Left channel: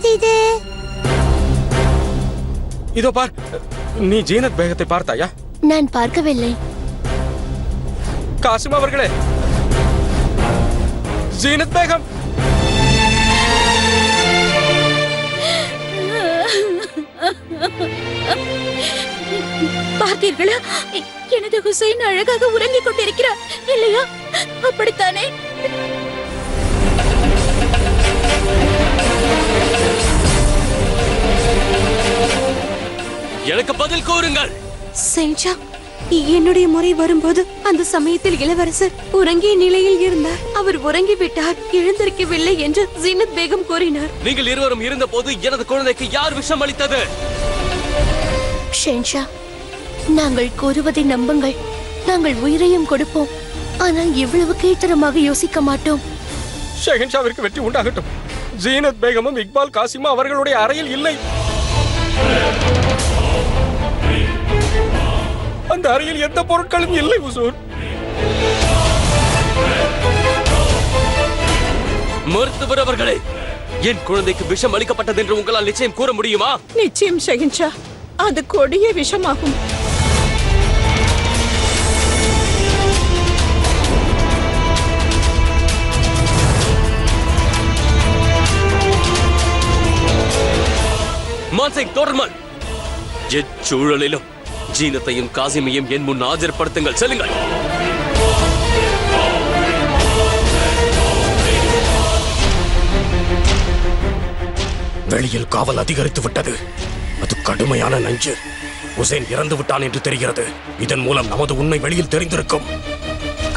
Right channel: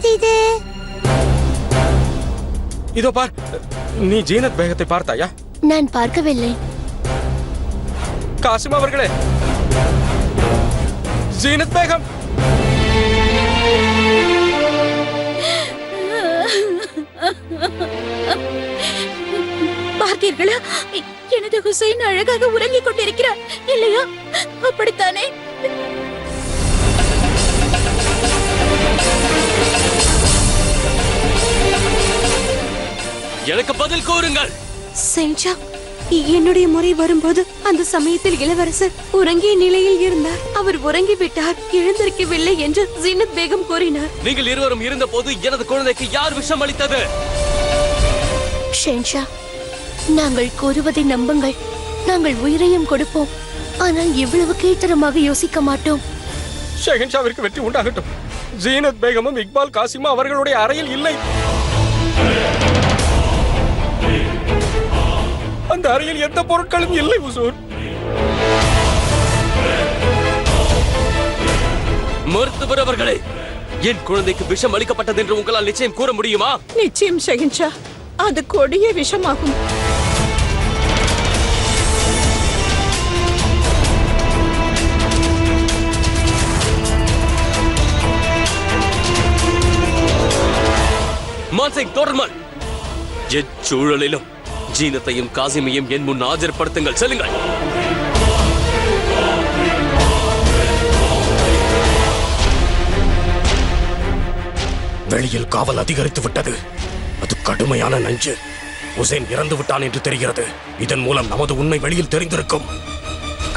இருக்கிறது இது? இதோ பார், நீ ஜீனத் பேகத்தை பார்த்தாயா? நான் பார்க்கவில்லை. காசிம் அவர்களே, ஜீனத் பேகம். பார்த்தீர்களா, எனது ஹுசைன் அழகாக உறங்கிக் கொண்டிருக்கிறார் இல்லையா? அப்படித்தானே? எனக்கு பதில் கூறுங்கள். செஞ்சா, என்னுடைய முறை வரும்போது அந்த சமயத்தில் இளவரசர் உறங்கிய நிலையில் இருந்தார். அவர் உறங்கி விட்டார், எழுந்திருக்கவில்லை என்று ஜீனத் பேகம் கூறினார். நீங்கள் இருவரும் இருந்த போது எனது குழந்தைக்கு யார் விஷம் அளித்தது? ஷென்ஷா, நாங்கள் கூறுவதை நம்புங்கள். நாங்கள் உயிரையும் கொடுப்போம், ஆனால் இவ்வளவு கீழ்த்தரமாக யோசிக்க மாட்டோம். ஷெஹன்ஷாவிற்கு வெற்றி உண்டாகட்டும். ஜீனத் பேகமும் இக்பால் காசிமும் அவர்களுடைய அறையில் இல்லை. அந்த அறையில் எந்த பொருட்களும் இல்லை ஹுசூர். மருத்துவர் அவர்களே, என் குழந்தைக்கு விஷம் அளிக்கப்பட்டது என்று உங்களால் நிச்சயம் கூற முடியுமா? நிச்சயம் ஷஹின்ஷா, அது கொடிய விஷமாகும். மான்சிங், தொடர்மல். எச்சூழலிலும் ஜீனத்தையும் காசிமையும் என் முன் ஆஜர்படுத்துங்கள். செல்லுங்கள். வெளியில் காவல் அதிகரித்து விட்டது. அது கடுமையான நஞ்சு. ஹுசைன் இறந்து விட்டான் என்று தெரிகிறது. இதன் மூலம் நமது உண்மை வெளியில் தெரிந்திருக்கும்.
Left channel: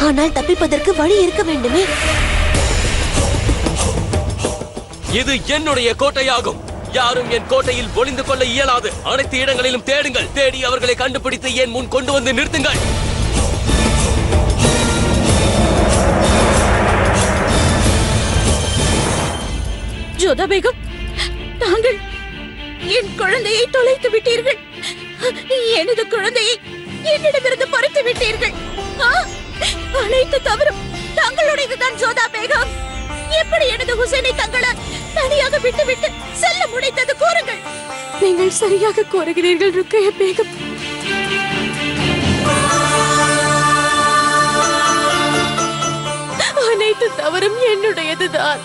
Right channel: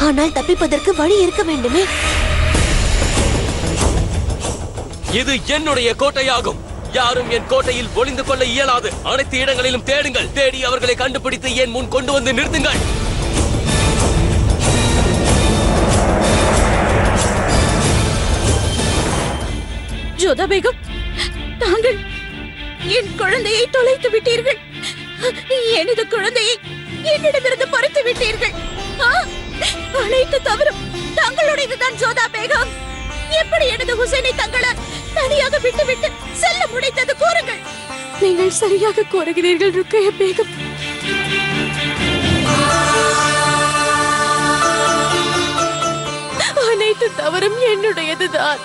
ஆனால் தப்பிப்பதற்கு வழி இருக்க வேண்டுமே. இது என்னுடைய கோட்டையாகும். யாரும் என் கோட்டையில் ஒளிந்து கொள்ள இயலாது. அனைத்து இடங்களிலும் தேடுங்கள். தேடி அவர்களை கண்டுபிடித்து என் முன் கொண்டு வந்து நிறுத்துங்கள். ஜோதா பேகம், தாங்கள் என் குழந்தையை தொலைத்து விட்டீர்கள். எனது குழந்தையை என்னிடமிருந்து பறித்து விட்டீர்கள். அனைத்து தவறும் தங்களுடையதுதான் ஜோதா பேகம். எப்படி எனது ஹுசைனை தங்களால் தனியாக விட்டுவிட்டு செல்ல முடிந்தது கூறுங்கள். நீங்கள் சரியாக கூறுகிறீர்கள் ருக்கையா பேகம். அனைத்து தவறும் என்னுடையதுதான்.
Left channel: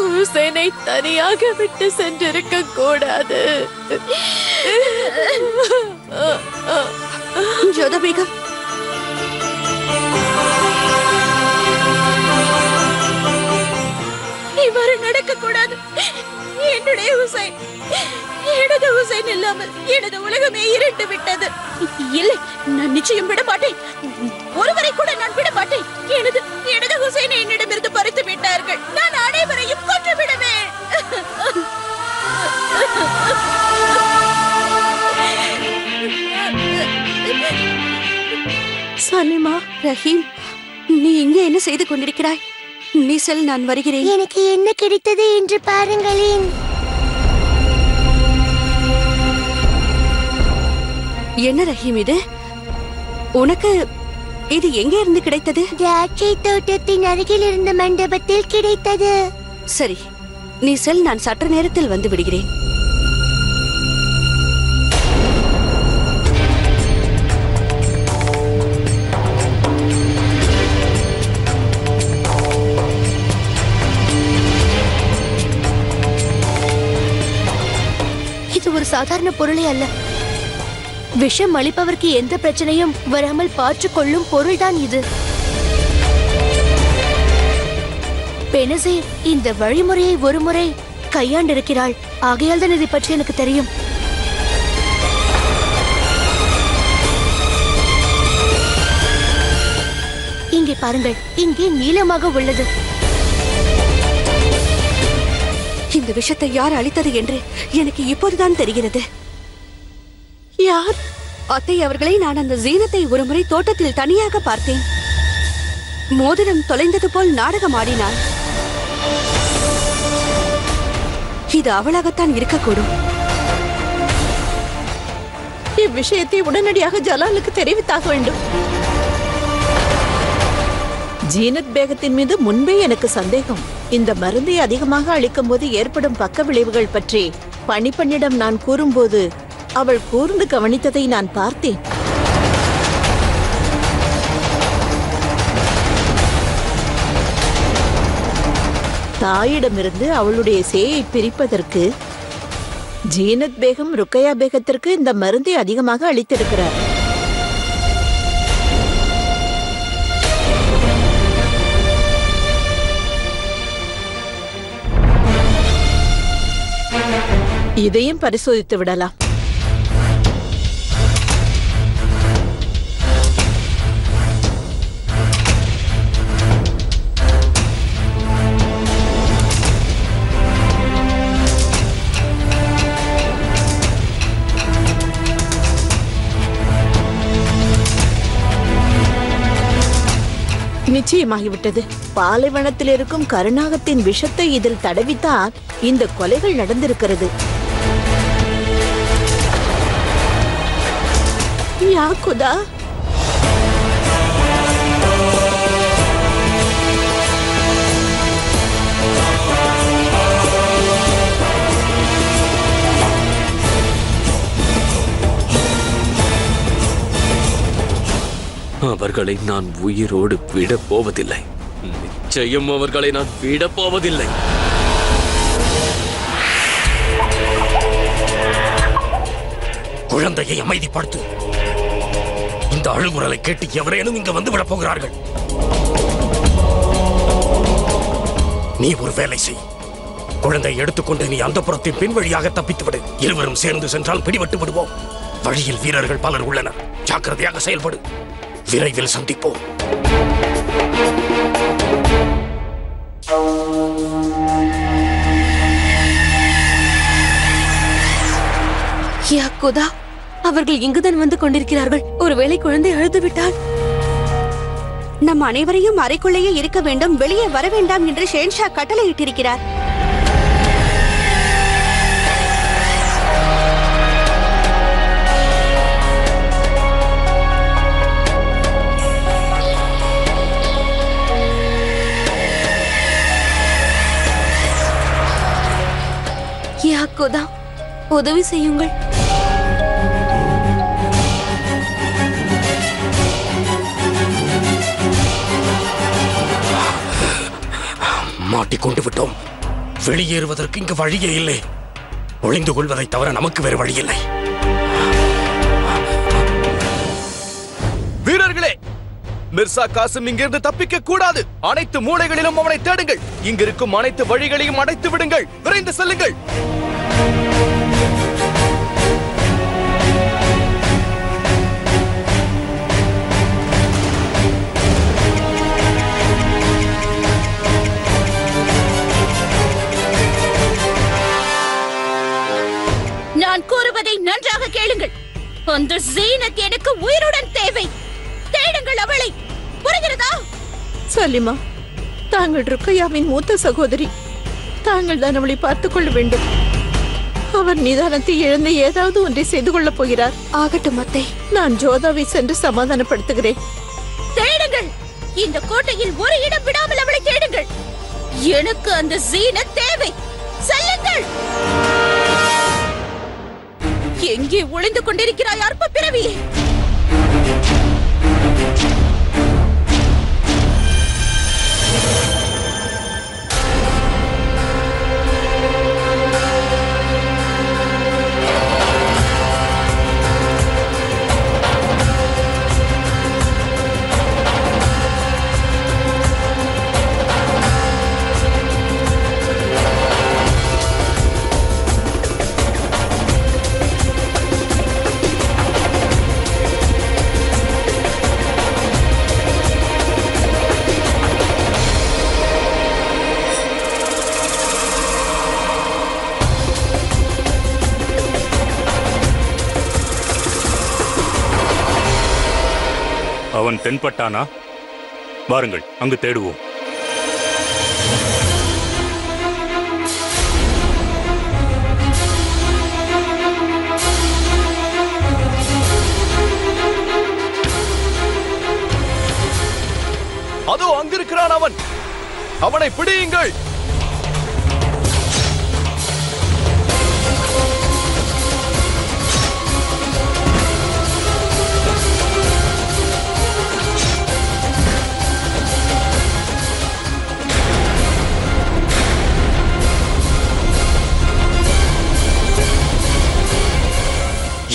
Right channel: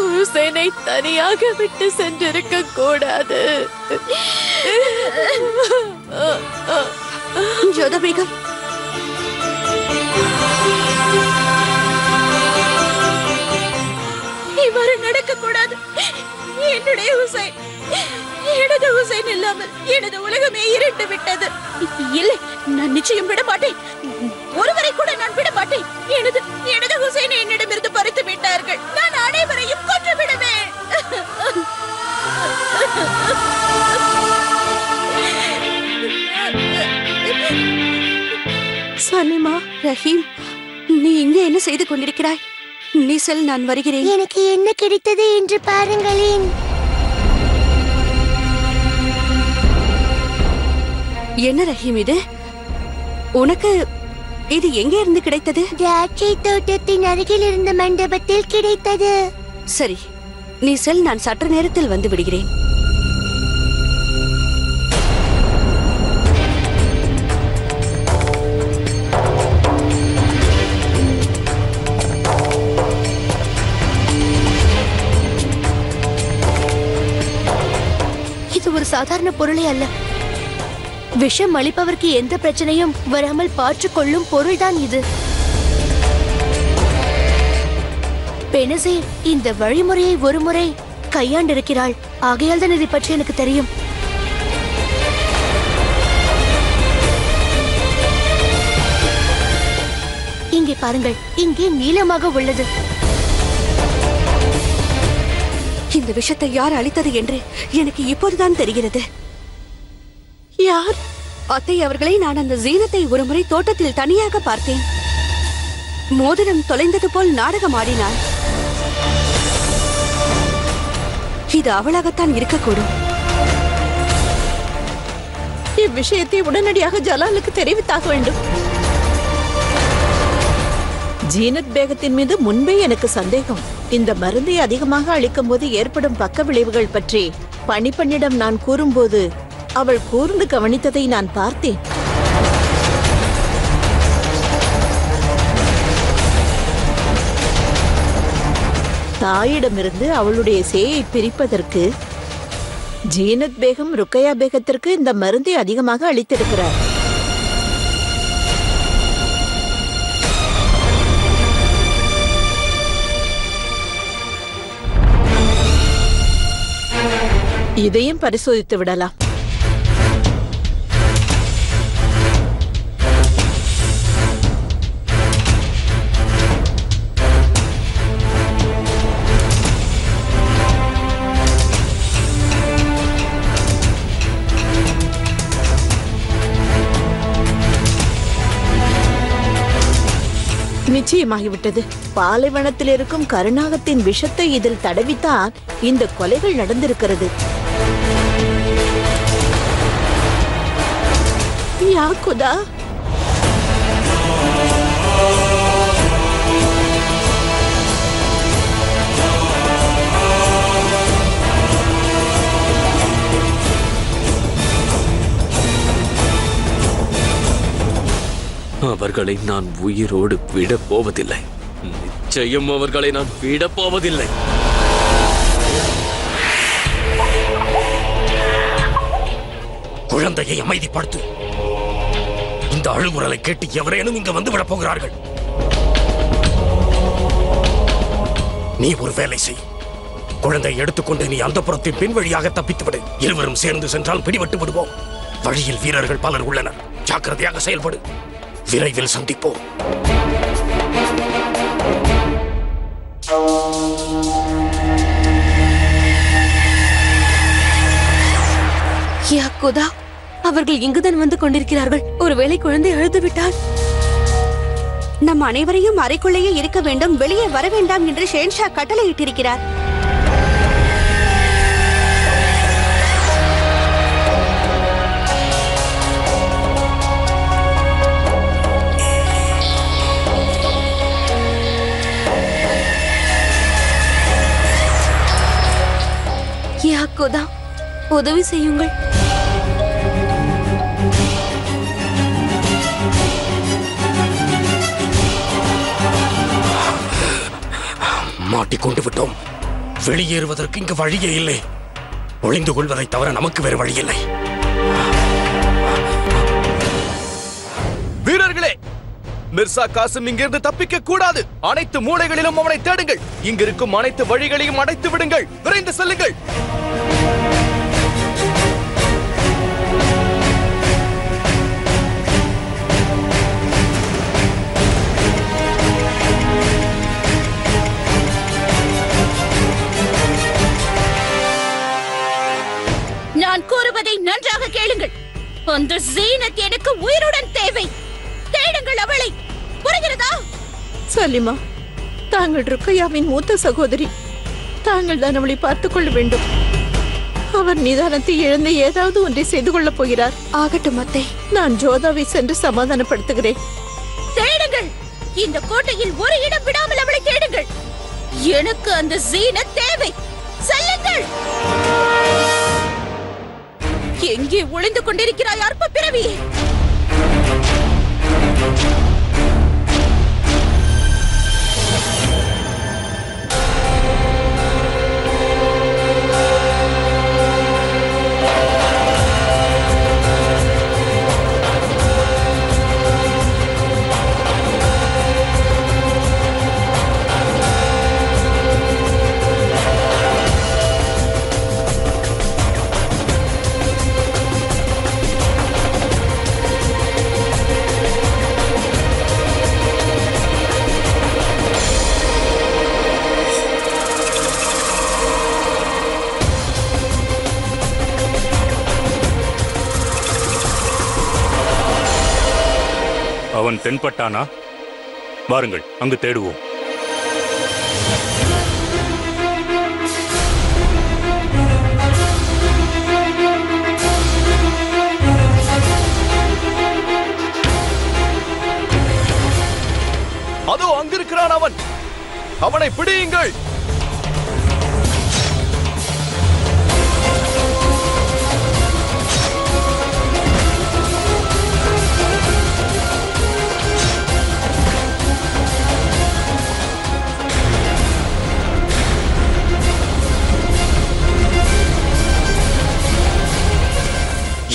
ஹுசைனை தனியாக விட்டு சென்றிருக்க கூடாது. ஜோதா பேகம், இவ்வாறு நடக்க கூடாது. என்னுடைய ஹுசைன், எனது ஹுசைன் இல்லாமல் எனது உலகமே இருண்டு விட்டது. இல்லை, நான் நிச்சயம் விட மாட்டேன். ஒருவரை கூட நான் விட மாட்டேன். எனது ஹுசைனை என்னிடமிருந்து பறித்து விட்டார்கள். நான் அனைவரையும் கொன்று விடுவேன். சலிமா, ரஹீம், நீ இங்கே என்ன செய்து கொண்டிருக்கிறாய்? நீ செல், நான் வருகிறேன். எனக்கு என்ன கிடைத்தது என்று பாருங்களேன். என்ன ரஹீம் இது? உனக்கு இது எங்கே இருந்து கிடைத்தது? திராட்சை தோட்டத்தின் அருகில் இருந்த மண்டபத்தில் கிடைத்தது. சரி, நீ செல், நான் சற்று நேரத்தில் வந்து விடுகிறேன். இது ஒரு சாதாரண பொருளே அல்ல. விஷம் அளிப்பவருக்கு எந்த பிரச்சனையும் வராமல் பார்த்துக் கொள்ளும் பொருள்தான் இது. பெனசீர் இந்த வழிமுறையை ஒருமுறை கையாண்டிருக்கிறாள். ஆகையால் தான் இதை பற்றி எனக்கு தெரியும். இங்கே பாருங்கள், இங்கே நீளமாக உள்ளது. இந்த விஷத்தை யார் அளித்தது என்று எனக்கு இப்போதுதான் தெரிகிறது. யார்? அத்தை அவர்களை நான் அந்த ஜீனத்தை ஒருமுறை தோட்டத்தில் தனியாக பார்த்தேன். மோதிரம் தொலைந்தது போல் நாடகம் ஆடினாள். இது அவளாகத்தான் இருக்கக்கூடும். இவ்விஷயத்தை உடனடியாக ஜலாலுக்கு தெரிவித்தாக வேண்டும். ஜீனத் பேகத்தின் மீது முன்பே எனக்கு சந்தேகம். இந்த மருந்தை அதிகமாக அளிக்கும் போது ஏற்படும் பக்க விளைவுகள் பற்றி பணிப்பெண்ணிடம் நான் கூறும்போது அவள் கூர்ந்து கவனித்ததை நான் பார்த்தேன். தாயிடமிருந்து அவளுடைய சேயை பிரிப்பதற்கு ஜீனத் பேகம் ருக்கையா பேகத்திற்கு இந்த மருந்தை அதிகமாக அளித்திருக்கிறார். இதையும் பரிசோதித்து விடலாம். நிச்சயமாகிவிட்டது. பாலைவனத்தில் இருக்கும் கருநாகத்தின் விஷத்தை இதில் தடவித்தான் இந்த கொலைகள் நடந்திருக்கிறது. யா குதா, அவர்களை நான் உயிரோடு விடப் போவதில்லை. நிச்சயம் அவர்களை நான் விடப் போவதில்லை. குழந்தையை அமைதிப்படுத்து. இந்த அழுகுரலை கேட்டு எவரேனும் இங்க வந்து விடப் போகிறார்கள். நீ ஒரு வேலை செய். குழந்தையை எடுத்துக்கொண்டு நீ அந்த புறத்தின் பின் வழியாக தப்பித்து விடு. இருவரும் சேர்ந்து சென்றால் பிடிபட்டு விடுவோம். வழியில் வீரர்கள் பலர் உள்ளனர். ஜாக்கிரதையாக செயல்படு. விரைவில் சந்திப்போம். யா குதா, அவர்கள் இங்குதான் வந்து கொண்டிருக்கிறார்கள். ஒருவேளை குழந்தை அழுது விட்டால் நம் அனைவரையும் அறைக்குள்ளேயே இருக்க வேண்டும், வெளியே வர வேண்டாம் என்று ஷேன்ஷா கட்டளையிட்டிருக்கிறார். யா குதா, உதவி செய்யுங்கள். மாட்டிக்கொண்டு விட்டோம். வெளியேறுவதற்கு இங்கு வழியே இல்லை. ஒளிந்து கொள்வதை தவிர நமக்கு வேறு வழி இல்லை. வீரர்களே, மிர்சா காசிம் இங்கிருந்து தப்பிக்க கூடாது. அனைத்து மூலைகளிலும் அவனை தேடுங்கள். இங்கிருக்கும் அனைத்து வழிகளையும் அடைத்து விடுங்கள். விரைந்து செல்லுங்கள். நான் கூறுவதை நன்றாக கேளுங்கள். அந்த ஜீனத் எனக்கு உயிருடன் தேவை. தேடுங்கள் அவளை. புரிகிறதா? சலிமா, தாங்கள் ருக்கையாவின் மூத்த சகோதரி. தாங்கள் தான் அவளை பார்த்துக் கொள்ள வேண்டும். அவர் நிதானத்தை இழந்து ஏதாவது ஒன்றை செய்து கொள்ளப் போகிறார். ஆகட்டும் அத்தை, நான் ஜோதாவை சென்று சமாதானப்படுத்துகிறேன். தேடுங்கள். இந்த கோட்டையில் ஒரு இடம் விடாமல் அவளை தேடுங்கள். எனக்கு அந்த ஜீனத் தேவை. செல்லுங்கள். எங்கே ஒளிந்து கொண்டிருக்கிறாய் அற்ப பிறவியே? அவன் தென்பட்டானா? வாருங்கள், அங்கு தேடுவோம். அதோ அங்கிருக்கிறான் அவன். அவனை பிடியுங்கள்.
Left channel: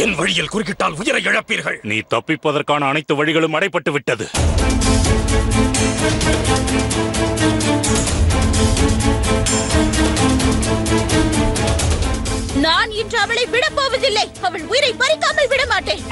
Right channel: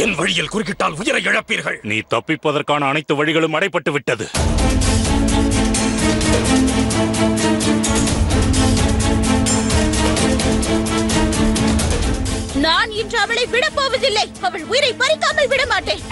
என் வழியில் குறுக்கிட்டால் உயிரை இழப்பீர்கள். நீ தப்பிப்பதற்கான அனைத்து வழிகளும் அடைபட்டு விட்டது. நான் இன்று அவளை விடப்போவதில்லை. அவள் உயிரை பறிக்காமல் விட மாட்டேன்.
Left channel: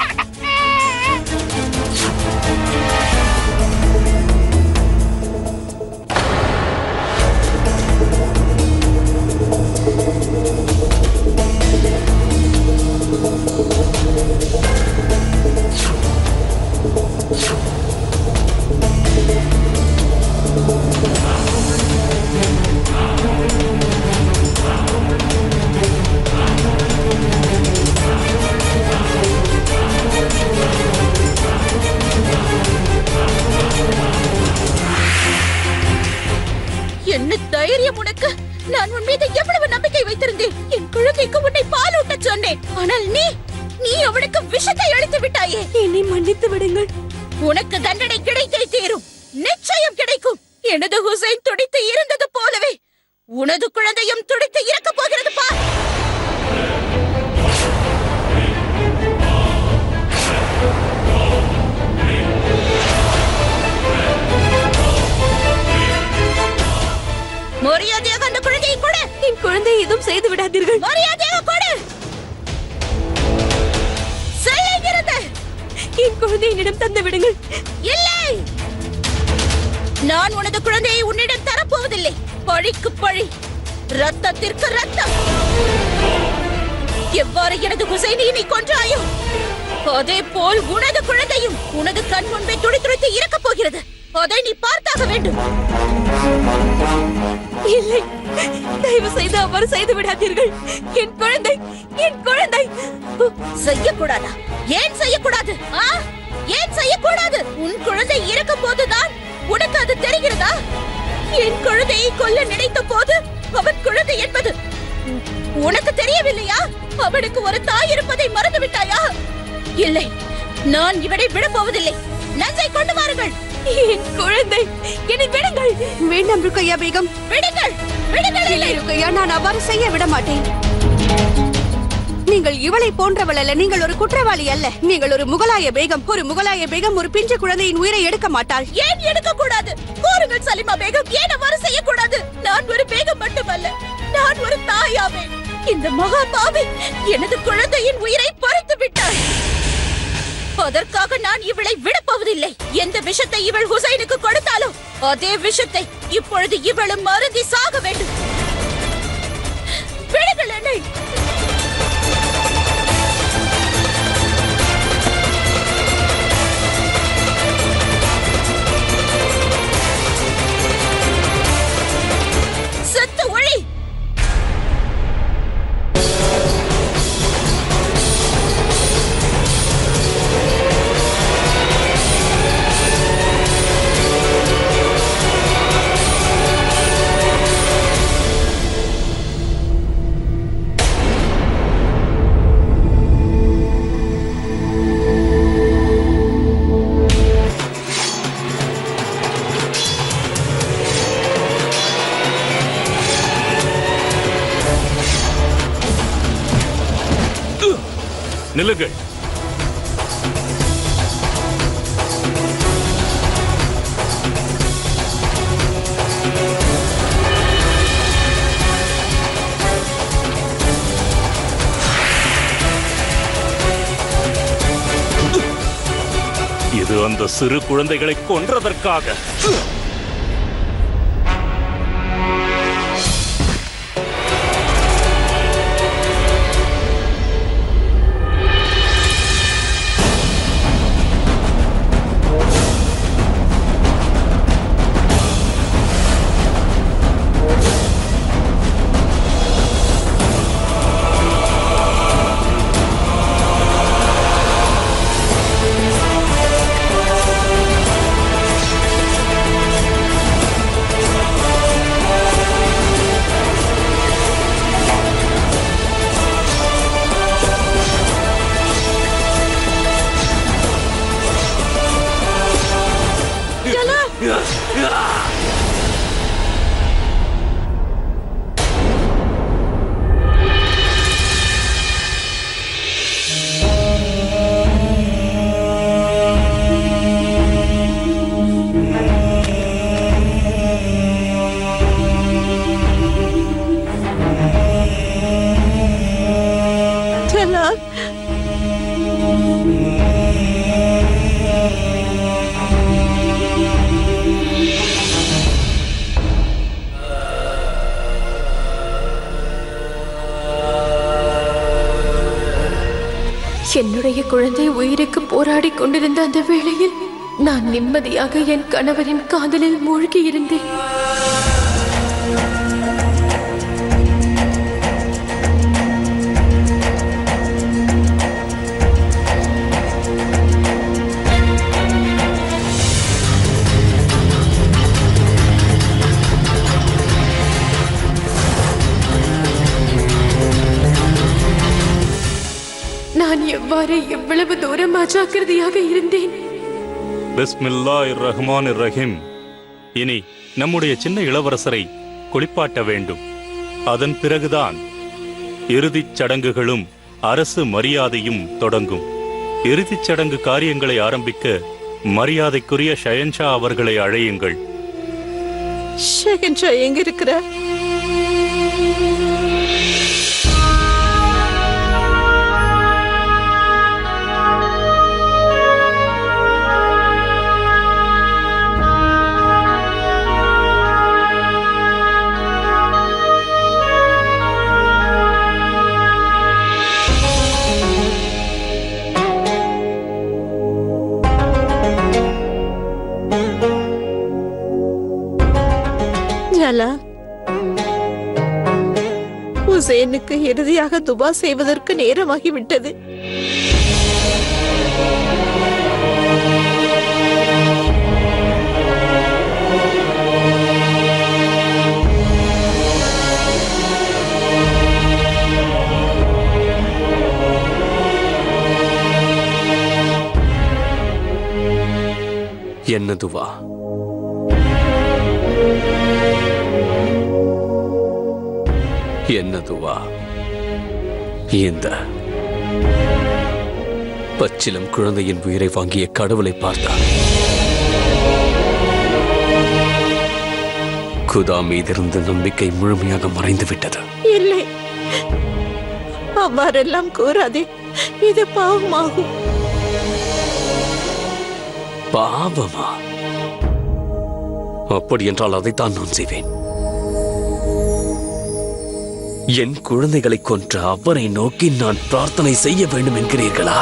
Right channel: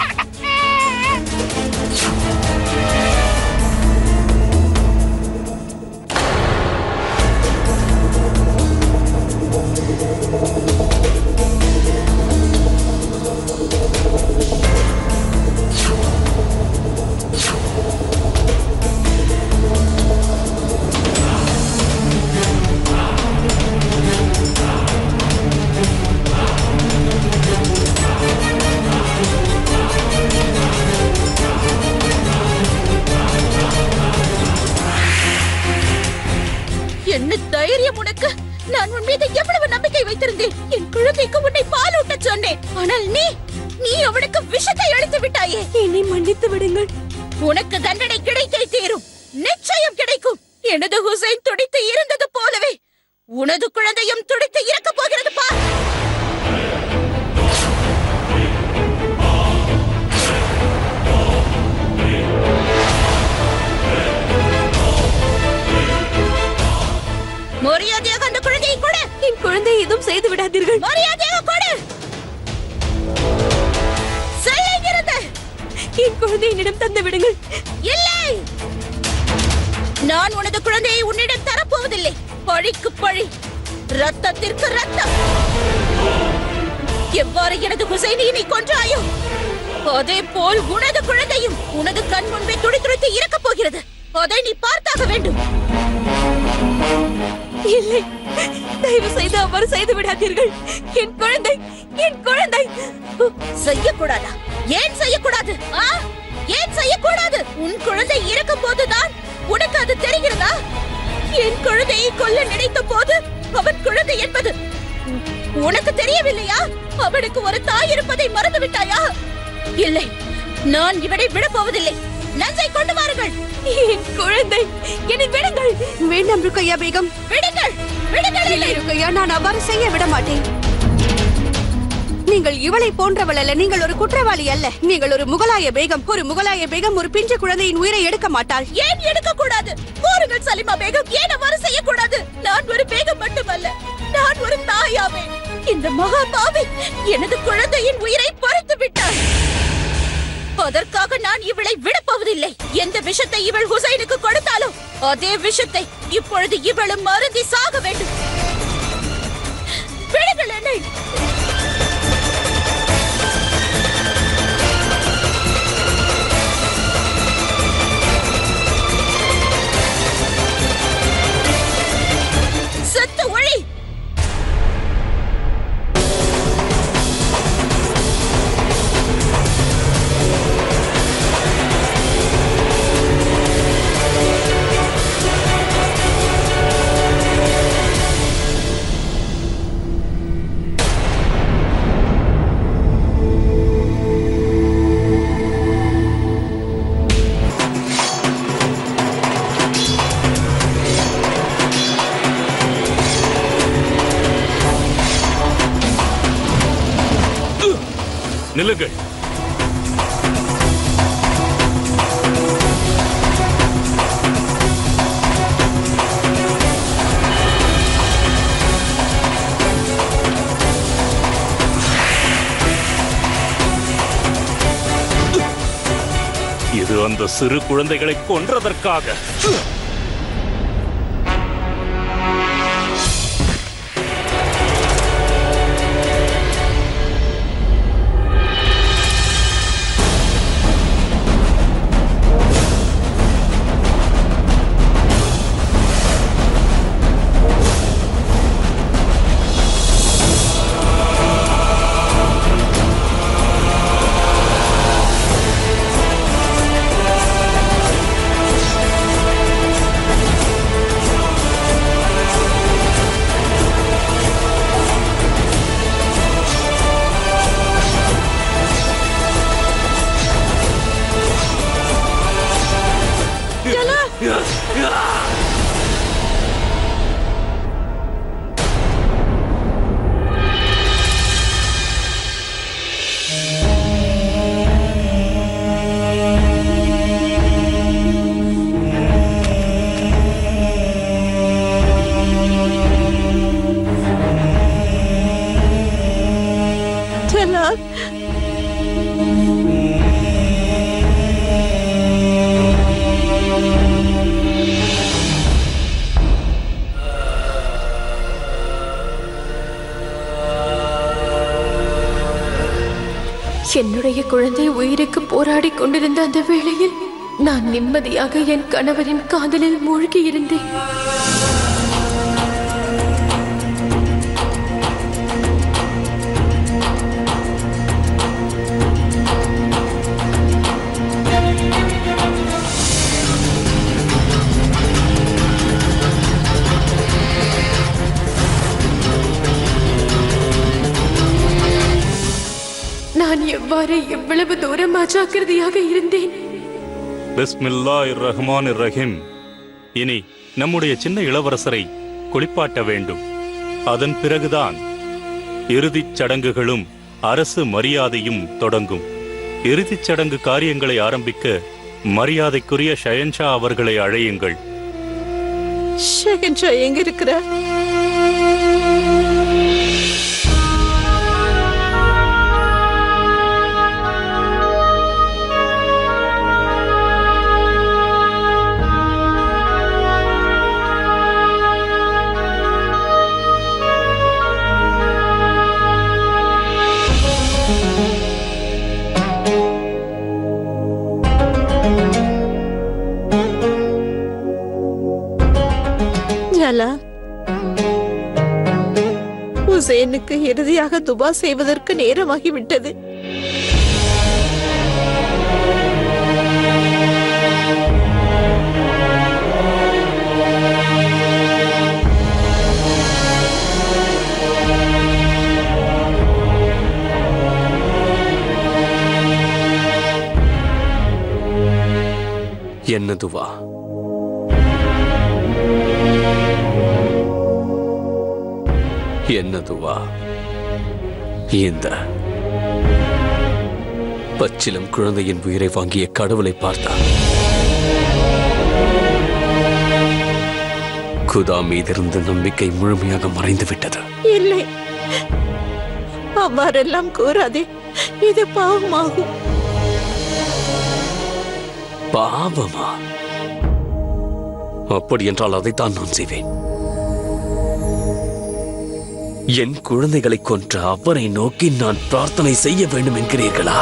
என்ன தைரியம் உனக்கு? நான் உன் மீது எவ்வளவு நம்பிக்கை வைத்திருந்தேன். என் குழந்தைக்கு உன்னை பாலூட்ட சொன்னேன். ஆனால் நீ அவனுக்கு விஷத்தை அளித்து விட்டாயே. என்னை மன்னித்து விடுங்கள். உனக்கு தண்டனை கிடைத்தே தீரும். நிச்சயம் கிடைக்கும். எனது ஹுசைன் துடித்து இருந்தது போலவே உனது குழந்தையும் துடித்து இறக்க போகிறது பார். மரியாதையாக அந்த குழந்தையை கொடு. என் குழந்தையை எதுவும் செய்து விடாதீர்கள். மரியாதையாக கொடு. செய்கிறது. என் குழந்தையை என்னிடம் தந்து விடுங்கள். இல்லை, நான் உனது குழந்தையை உன்னிடம் தரப்போவதில்லை. பழிக்கு பழி, ரத்தத்திற்கு ரத்தம். எவ்வாறு எனது ஹுசைனை நீ கொன்றாயோ அதே போல் உனது குழந்தையும் உனது கண் முன்பே துடி துடித்து இறக்கப் போகிறது. அதை நீ பார்த்தாக வேண்டும். இல்லை, தயவு செய்து அவ்வாறு செய்து விடாதீர்கள். என் குழந்தை செய்யக்கூடாதா? ஏன் செய்யக்கூடாது? ஏன் செய்யக்கூடாது? உன் குழந்தை இறக்கும் போதுதான் உனக்கு அது தெரிகிறதா? என் குழந்தையை கொல்ல நினைத்த போது அவன் குழந்தை என்பது உனக்கு தெரியவில்லையா? அவனுக்கு ஒரு தாய் இருப்பதை மறந்து விட்டாயா? இல்லை, நான் இவனை விடப் போவதில்லை. நஞ்சை கொண்டு வாருங்கள். என் குழந்தை, என்னை விடுங்கள். வேண்டாம் ருக்கையா பேகம். விடுங்கள், விடுங்கள். இல்லை ருக்கையா, நான் அவ்வாறு செய்ய விட மாட்டேன். நீங்கள் இவளை போன்றவள் அல்ல. நீங்கள் ஒரு குற்றவாளி அல்ல. நீங்கள் ஒரு முகலாய பேகம். ஒரு முகலாய பேகம் ஒரு பிஞ்சு குழந்தையின் உயிரை எடுக்க மாட்டாள். ஏன் எடுக்க கூடாது? கூறுங்கள் சலிமா பேகம், ஏன் அவ்வாறு செய்யக்கூடாது? நான் ஒரு பேகம் மட்டுமல்ல, நான் ஒரு தாயாவேன். இந்த மகா பாவி எனது குழந்தையின் உயிரை பறித்து விட்டாள். அதற்காக நான் இவளை விடப்போவதில்லை. எந்த விஷத்தை இவள் ஹுசைனுக்கு கொடுத்தாலோ அதே விஷத்தை இப்பொழுது இவளும் மருந்தி சாக வேண்டும். விடுங்கள் என்னை. செத்து ஒளி. நில்லுங்கள். இது அந்த சிறு குழந்தைகளை கொன்றதற்காக. என்னுடைய குழந்தை உயிருக்கு போராடி கொண்டிருந்த அந்த வேளையில் நான் நிம்மதியாக என் கணவரின் காதலில் மூழ்கி இருந்தேன். நான் எவ்வாறு எவ்வளவு தூரம் அஜாக்கிரதையாக இருந்தேன். பிஸ்மில்லாஹிர் ரஹ்மானிர் ரஹீம். இனி நம்முடைய சின்ன இளவரசரை குளிப்பாட்ட வேண்டும். அதன் பிறகுதான் இறுதிச் சடங்குகளும் அரசு மரியாதையும் தொடங்கும். இறுதிச் சடங்கு காரியங்களை ஆரம்பிக்க மரியாதைக்குரிய ஷயன்ஷா அவர்களை அழையுங்கள். ஷெஹன்ஷா எங்க இருக்கிற? ஹுசேனுக்கு இறுதியாக துபா செய்வதற்கு நேரமாகிவிட்டது. என்ன துவா? என்ன துவா? இந்த பச்சிலம் குழந்தையின் உயிரை வாங்கிய கடவுளை பார்த்தார். குதா மீதிருந்த நம்பிக்கை முழுமையாக மறைந்து விட்டது. இல்லை, அவ்வாறெல்லாம் கூறாதே. இது பாவமாகும். பாவமா? அப்படி என்றால் அதைத்தான் நான் செய்வேன். என் குழந்தைகளை கொன்ற அவரை நோக்கி நான் பிரார்த்தனை செய்ய வேண்டும் என்கிறீர்களா?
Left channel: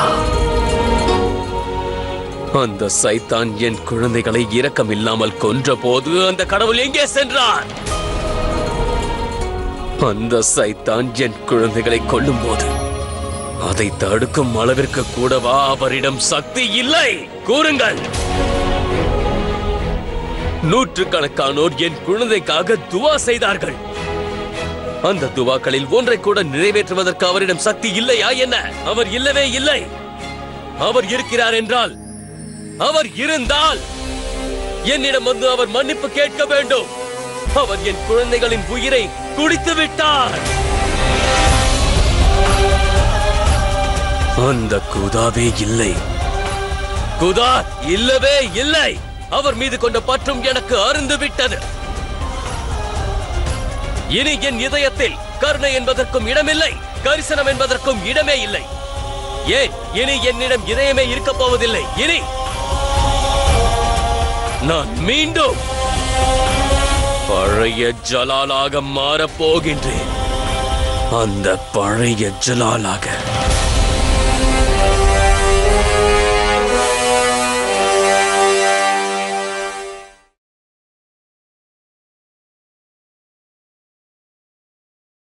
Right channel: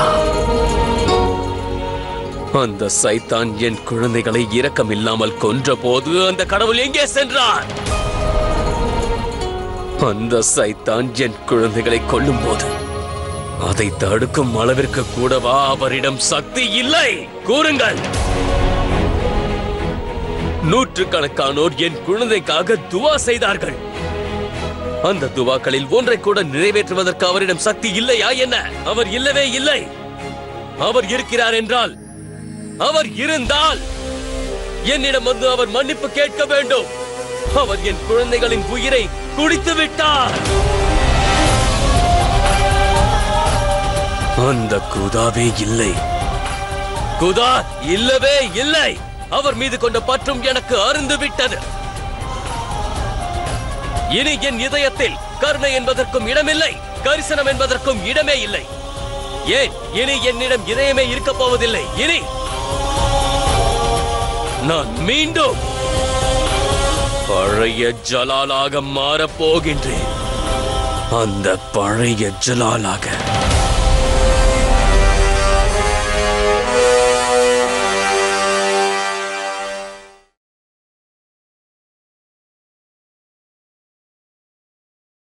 அந்த சைத்தான் என் குழந்தைகளை இரக்கமில்லாமல் கொன்ற போது அந்த கடவுள் எங்கே சென்றார்? அந்த சைத்தான் என் குழந்தைகளை கொல்லும் போது அதை தடுக்கும் அளவிற்கு கூடவா அவரிடம் சக்தி இல்லை? கூறுங்கள். நூற்றுக்கணக்கானோர் என் குழந்தைக்காக துவா செய்தார்கள். அந்த துவாக்களில் ஒன்றை கூட நிறைவேற்றுவதற்கு அவரிடம் சக்தி இல்லையா என்ன? அவர் இல்லவே இல்லை. அவர் இருக்கிறார் என்றால், அவர் இருந்தால் என்னிடம் வந்து அவர் மன்னிப்பு கேட்க வேண்டும். அவர் என் குழந்தைகளின் உயிரை குடித்து விட்டார். அந்த குதாவே இல்லை. குதா இல்லவே இல்லை. அவர் மீது கொண்ட பற்றும் எனக்கு அருந்து விட்டது. இனி என் இதயத்தில் கருணை என்பதற்கும் இடமில்லை, கரிசனம் என்பதற்கும் இடமே இல்லை. ஏன் இனி என்னிடம் இதயமே இருக்கப் போவதில்லை. இனி நான் மீண்டும் பழைய ஜலாலாக மாறப் போகின்றேன். அந்த பழைய ஜலாலாக